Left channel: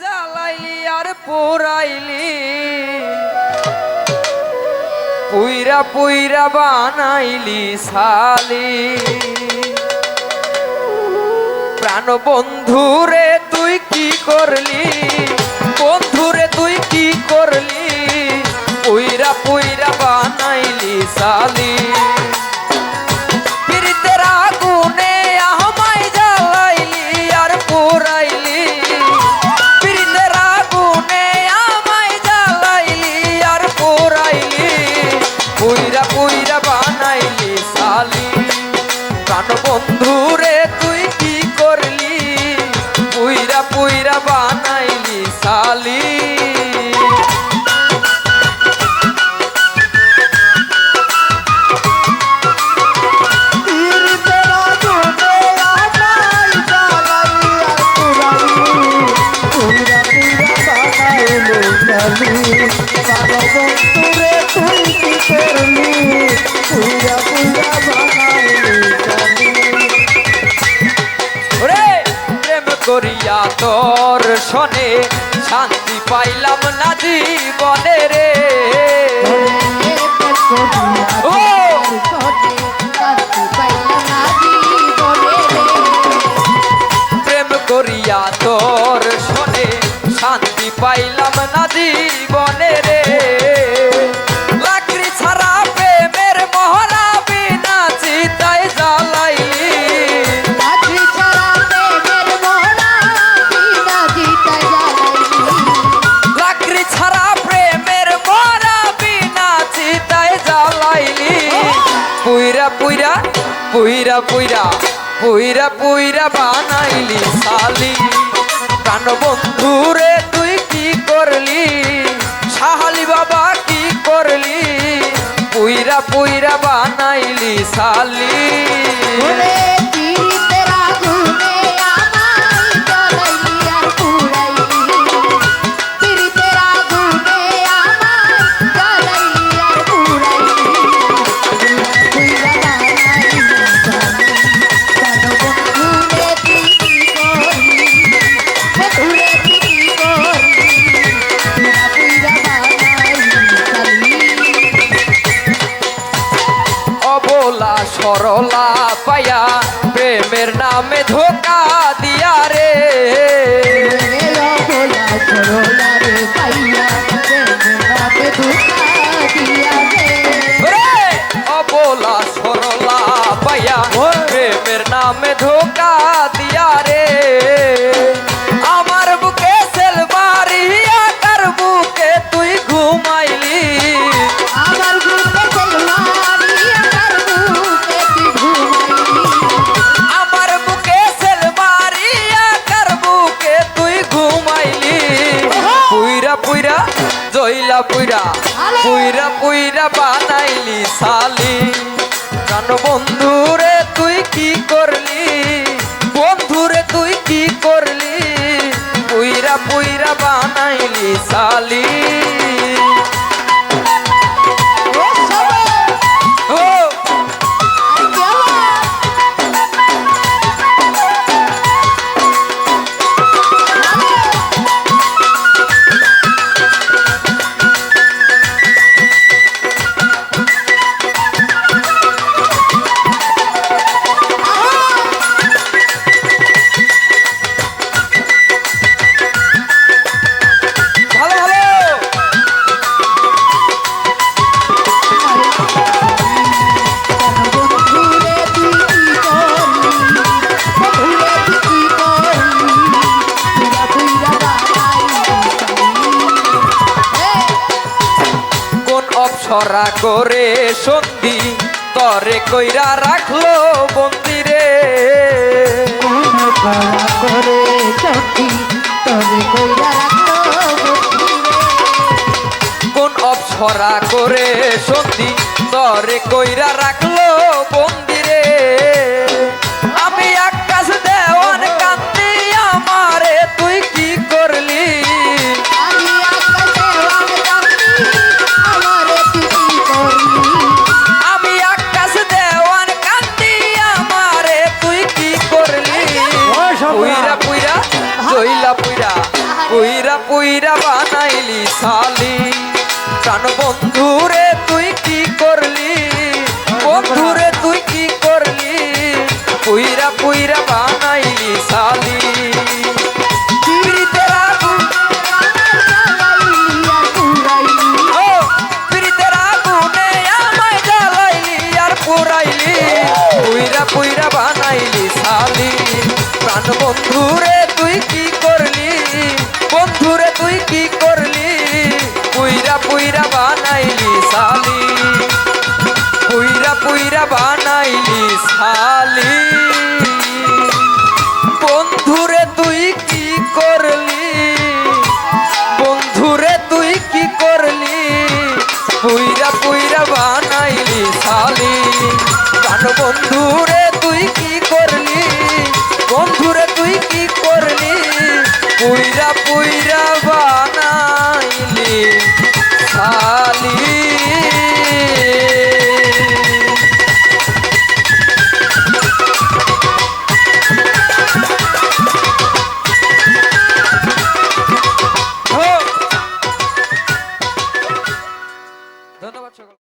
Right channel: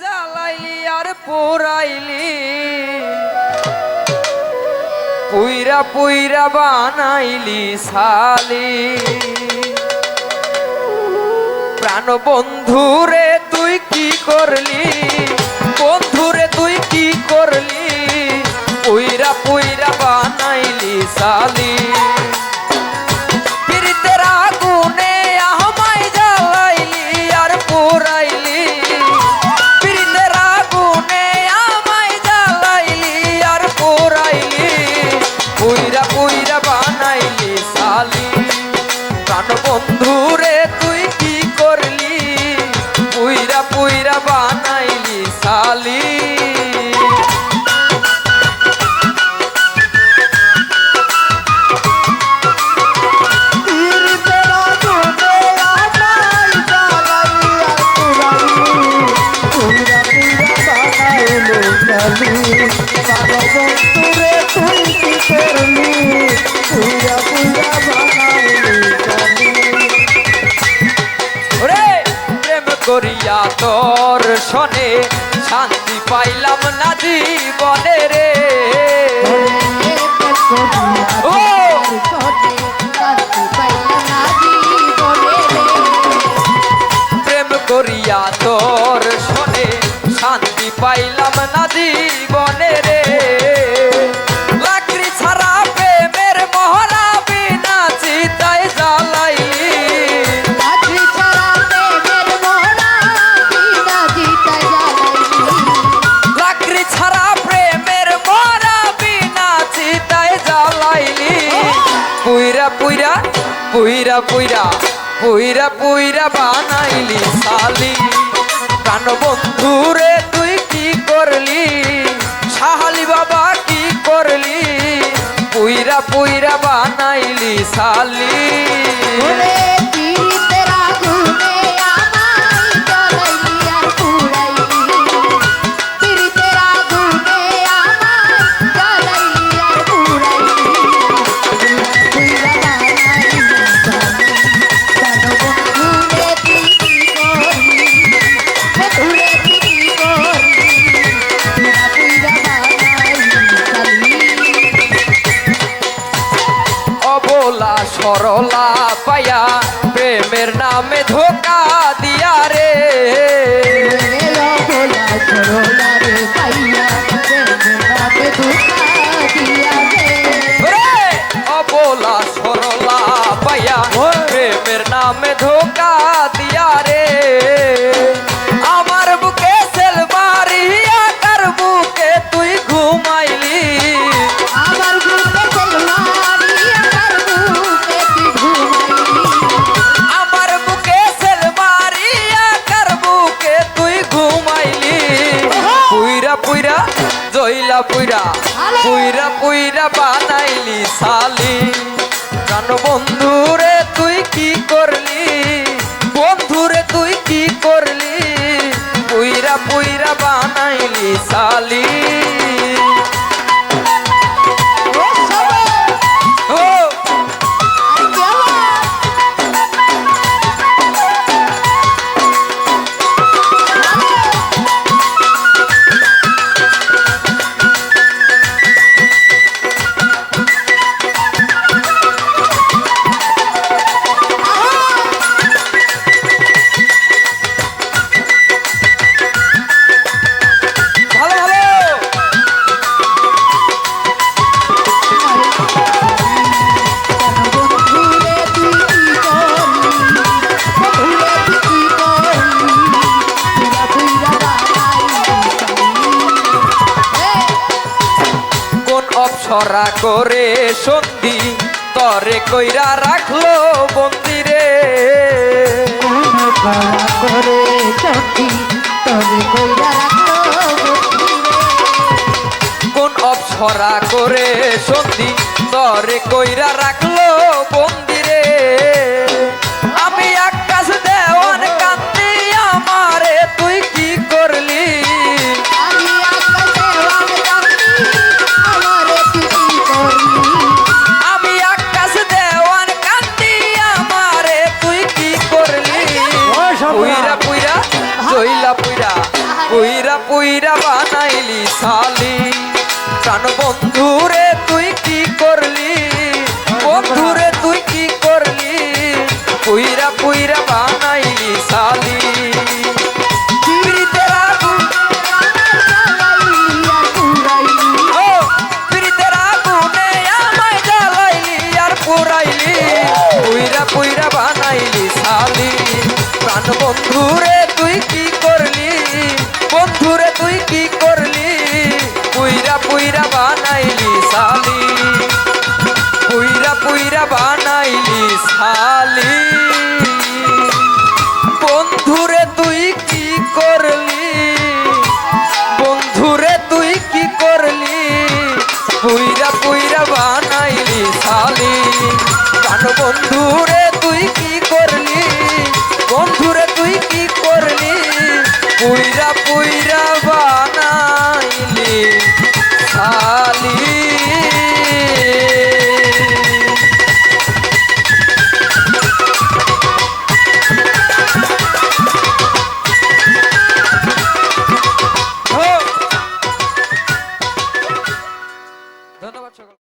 জ্বালাইলি আর পোড়াইলি। পুইরা পুইরা বানাইলি সালি প্রাণ বন্ধুরে তুই কি করলি? বন্ধুরে তুই কি করলি? পুইরা পুইরা বানাইলি সালি পুইরা পুইরা বাবা বন্ধুরে তুই কি করলি? পুরা পুরা বানাইলি ওরে প্রেম করিয়া তোর শনে শান্তি পাইলাম না জীবনে রে। ও! না জীবনে রে। লাকড়ি ছাড়া প্রেমের মহড়া বিনা চিতায় জ্বালাইলি লাকড়ি ছাড়া প্রেমের মরা বিনা চিতায় জ্বালাইলি পুইরা পুইরা পুইরা পুইরা পুইরা পুইরা বানাইলি সালি প্রাণ বন্ধুরে পুইরা বানাইলি সালি সরলা পায়া প্রেমের নামে ধোকা দিয়া রে। রে অবলা সরলা পায়া প্রেমের নামে ধোকা দিয়া জইলা পুইরা পুইরা পুইরা বানাইলি সালি জান বন্ধুরে তুই কি করলি? বন্ধুরে তুই কি করলি? পুইরা পুইরা বানাইলি সালি অপসরা করে সন্ধি তরে কইরা রাখল বন্দিরে করা কইরা রাখল কোন অপসরা করে সন্ধি তরে কইরা রাখল বন্দিরে পুইরা পুইরা জইলা পুইরা। পুইরা পুইরা বানাইলি সালি প্রাণ বন্ধুরে তুই কি করলি? বন্ধুরে তুই কি করলি? পুইরা পুইরা বানাইলি সালি পিরিতের আগুন জ্বালাইলি প্রাণ বন্ধুরে তুই কি করলি? বন্ধুরে তুই কি করলি? পুইরা পুইরা বানাইলি সালি পুইরা পুইরা বানাইলি সালি বন্ধুরে তুই কি করলি? কি করলি পুইরা পুইরা বানা